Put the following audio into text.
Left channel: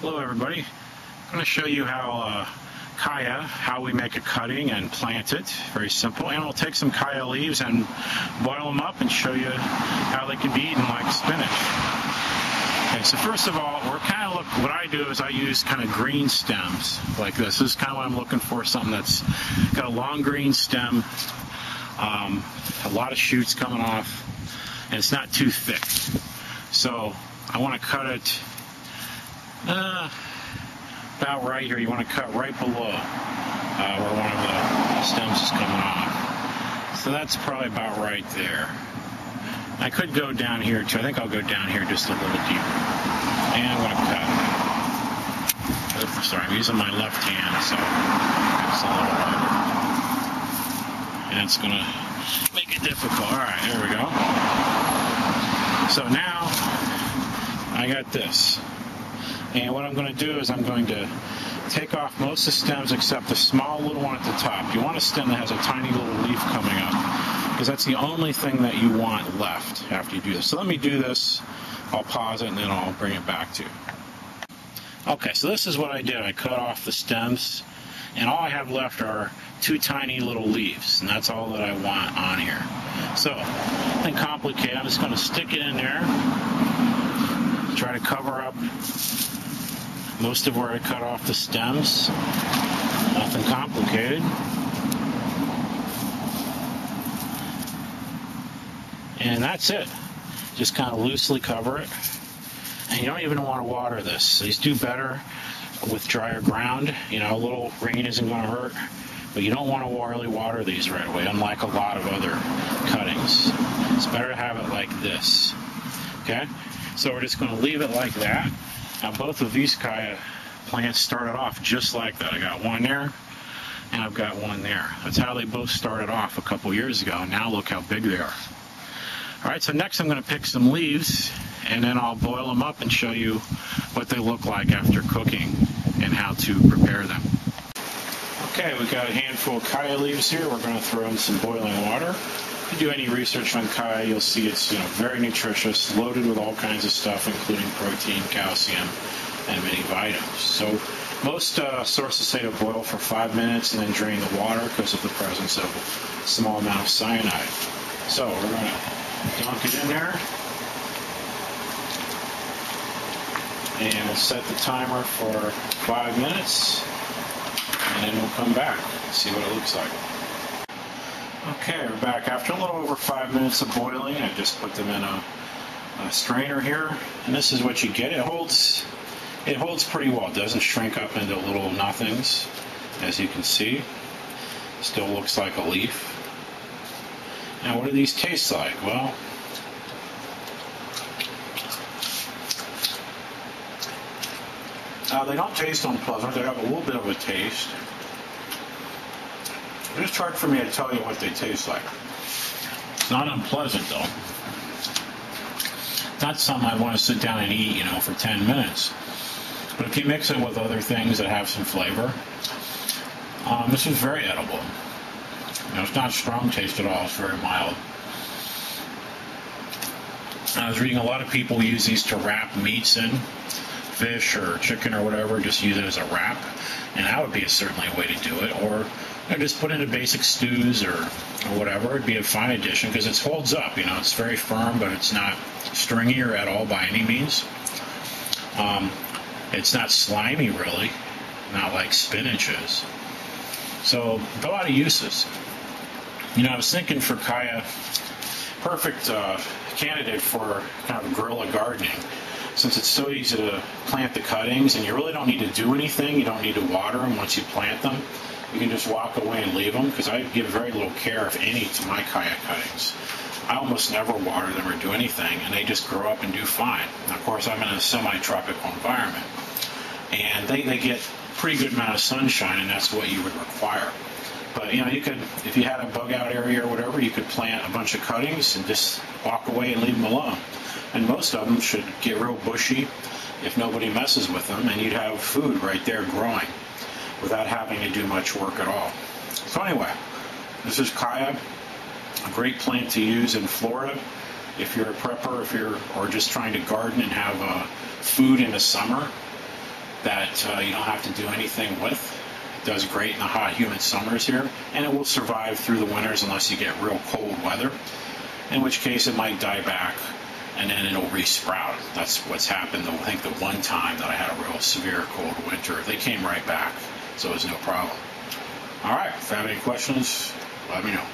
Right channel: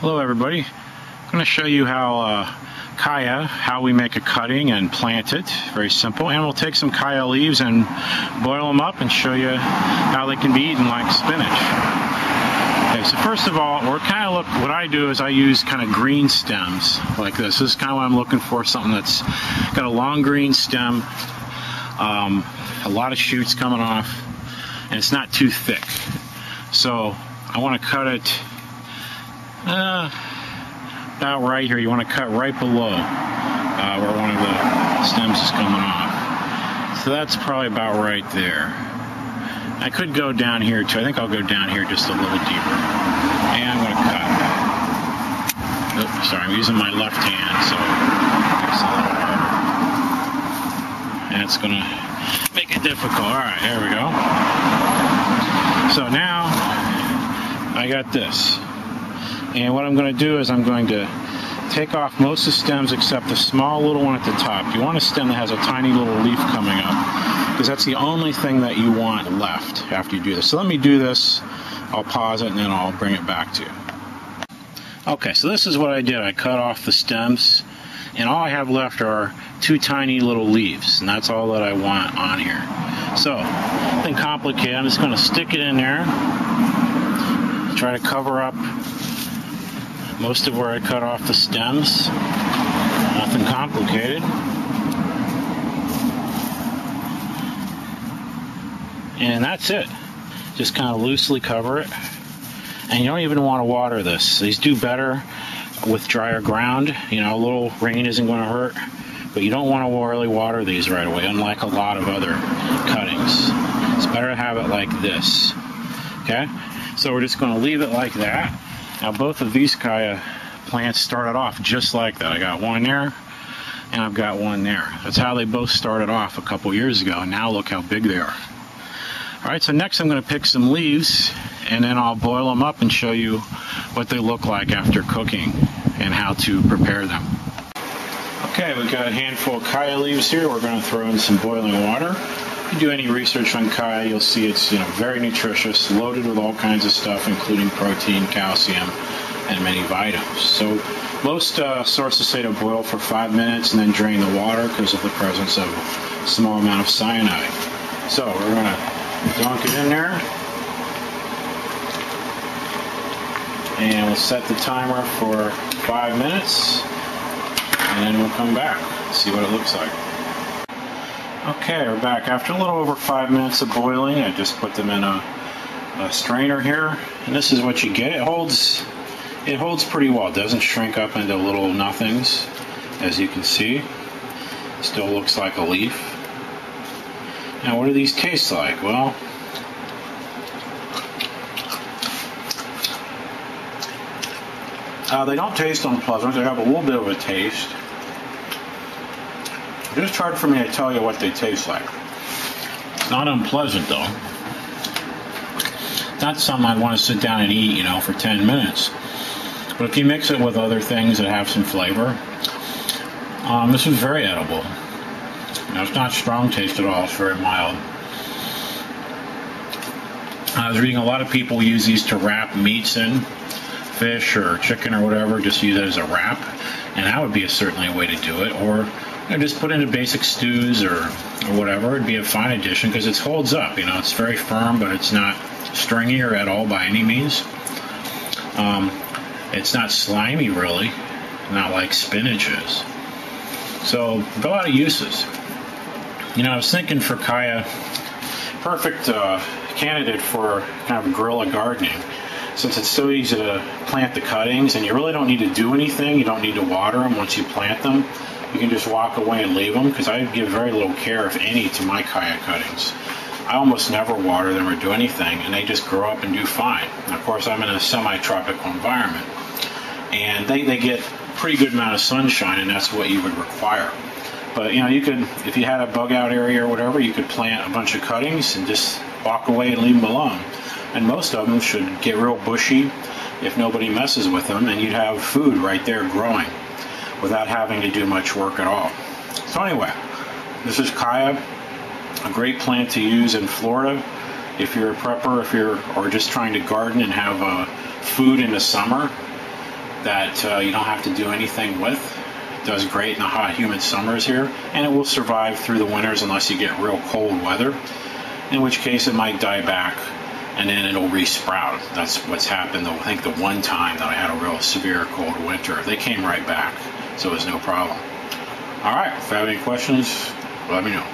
Hello everybody. I'm going to show you how we make a cutting and plant it. Very simple. And we'll take some Chaya leaves and boil them up and show you how they can be eaten like spinach. Okay, so first of all, what I do is I use kind of green stems like this. This is kind of what I'm looking for, something that's got a long green stem, a lot of shoots coming off, and it's not too thick. So I want to cut it about right here. You want to cut right below where one of the stems is coming off. So that's probably about right there. I could go down here too. I think I'll go down here just a little deeper. And I'm going to cut. Oops, sorry, I'm using my left hand, so it's a little harder. And it's going to make it difficult. Alright, here we go. So now I got this. And what I'm going to do is I'm going to take off most of the stems except the small little one at the top. You want a stem that has a tiny little leaf coming up, because that's the only thing that you want left after you do this. So let me do this. I'll pause it and then I'll bring it back to you. Okay, so this is what I did. I cut off the stems, and all I have left are two tiny little leaves, and that's all that I want on here. So, nothing complicated. I'm just going to stick it in there. Try to cover up most of where I cut off the stems. Nothing complicated. And that's it. Just kind of loosely cover it. And you don't even want to water this. These do better with drier ground. You know, a little rain isn't going to hurt. But you don't want to really water these right away, unlike a lot of other cuttings. It's better to have it like this. Okay? So we're just going to leave it like that. Now both of these Chaya plants started off just like that. I got one there, and I've got one there. That's how they both started off a couple years ago, and now look how big they are. Alright, so next I'm going to pick some leaves, and then I'll boil them up and show you what they look like after cooking and how to prepare them. Okay, we've got a handful of Chaya leaves here. We're going to throw in some boiling water. If you do any research on Chaya, you'll see it's very nutritious, loaded with all kinds of stuff, including protein, calcium, and many vitamins. So most sources say to boil for 5 minutes and then drain the water because of the presence of a small amount of cyanide. So we're going to dunk it in there, and we'll set the timer for 5 minutes, and then we'll come back and see what it looks like. Okay, we're back. After a little over 5 minutes of boiling, I just put them in a strainer here, and this is what you get. It holds pretty well. It doesn't shrink up into little nothings, as you can see. Still looks like a leaf. Now, what do these taste like? Well, they don't taste unpleasant. They have a little bit of a taste. It's just hard for me to tell you what they taste like. It's not unpleasant, though. It's not something I'd want to sit down and eat, for 10 minutes. But if you mix it with other things that have some flavor, this is very edible. It's not strong taste at all. It's very mild. I was reading a lot of people use these to wrap meats in, fish or chicken or whatever. Just use it as a wrap, and that would be certainly a way to do it. Or just put into basic stews or whatever. It'd be a fine addition because it holds up. It's very firm, but it's not stringy or at all by any means. It's not slimy, really, not like spinach is. So, a lot of uses. I was thinking for Chaya, perfect candidate for kind of guerrilla gardening, since it's so easy to plant the cuttings and you really don't need to do anything. You don't need to water them once you plant them. You can just walk away and leave them, because I give very little care, if any, to my Chaya cuttings. I almost never water them or do anything, and they just grow up and do fine. Now, of course, I'm in a semi-tropical environment, and they get a pretty good amount of sunshine, and that's what you would require. But, you could, if you had a bug-out area or whatever, you could plant a bunch of cuttings and just walk away and leave them alone. And most of them should get real bushy if nobody messes with them, and you'd have food right there growing without having to do much work at all. So anyway, this is Chaya, a great plant to use in Florida if you're a prepper, or just trying to garden and have food in the summer. that you don't have to do anything with. It does great in the hot, humid summers here, and it will survive through the winters unless you get real cold weather, in which case it might die back and then it'll resprout. That's what's happened, I think, the one time that I had a real severe cold winter. They came right back, so it was no problem. All right, if you have any questions, let me know.